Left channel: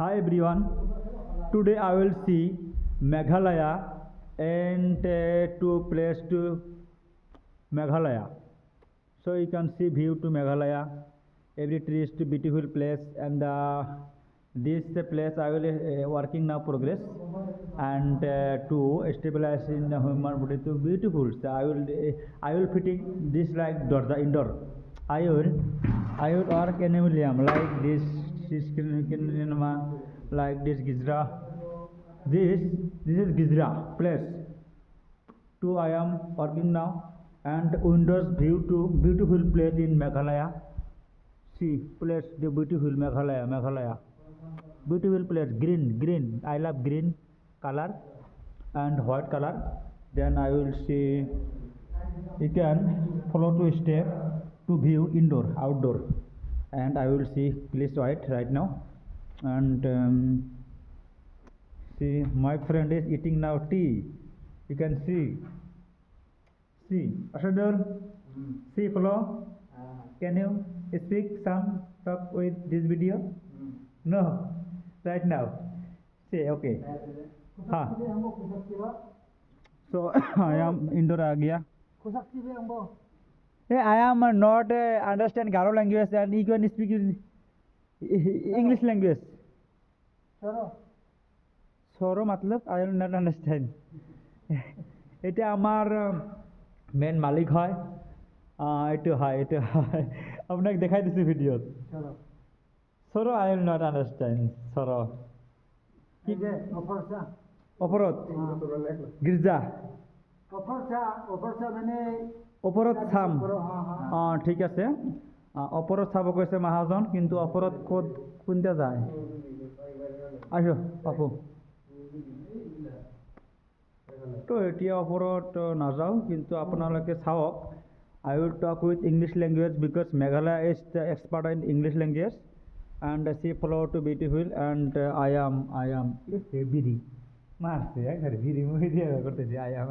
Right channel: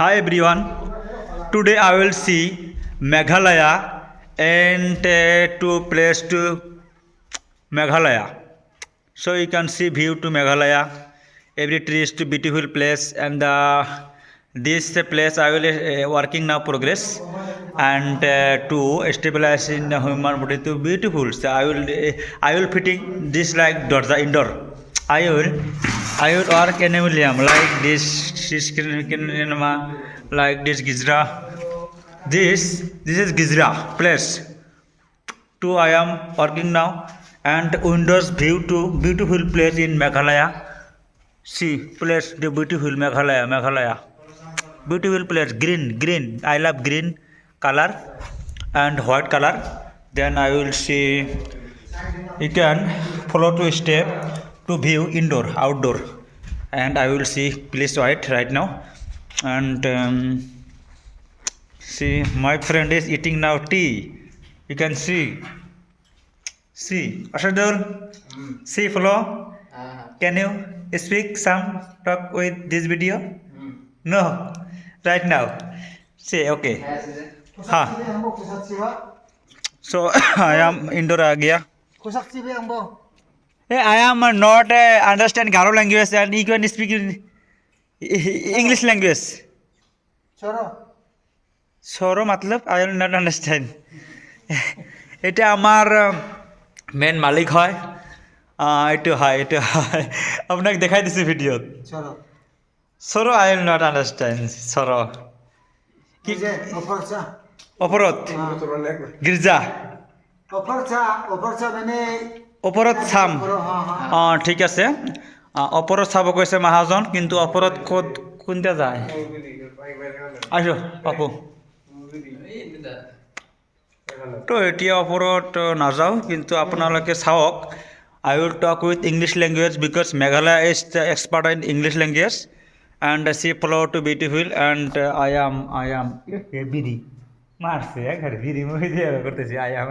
Hi everyone. Today I will see Meghalaya and to place to Meghalaya. So you can see view to Meghalaya. Every tree is to beautiful place and this place I will working now progress and to stabilize in the human body to beautiful. So I will fitting this like dorza indoor. I will I will work in William like this like this Gizra. This is Gizra place. Two I am working now and windows view to beautiful place in Meghalaya. See place the beautiful Meghalaya. Beautiful place green. I love green color and white color. Then I will see you can follow to step to view indoor outdoor and I will see place white right now and see my friend is eating now tea. You can see Ashadul, see follow. Can you speak some talk with this video? No, right now. Say okay. हाँ so I am indoor आ गया. I am not understand Garo language and you can speak English language. Soro मतलब I will not understand. এটা আমার main মালিক হয় এটা হয় আপনাকে দেখাই দিছি ভিডিও সরো আই উইল নট আন্ডারস্ট্যান্ড সরো কি অপরত গির্জা অপরত চাম ঠিক আছে অপরত চাব কৈছে মহাজন কিন্তু অপরত ক'ত কোনটা যায় আসো পাপু তো এতিয়া ওপৰত নাযাওঁ কিন্তু আপোনালোকে চাওক I will talk with English language because Meghalaya is the expert in English language and she follow to beautiful and I am বিড়ি মারছে ঘরে বিড়ি মুখে দিয়ে করতেছি I am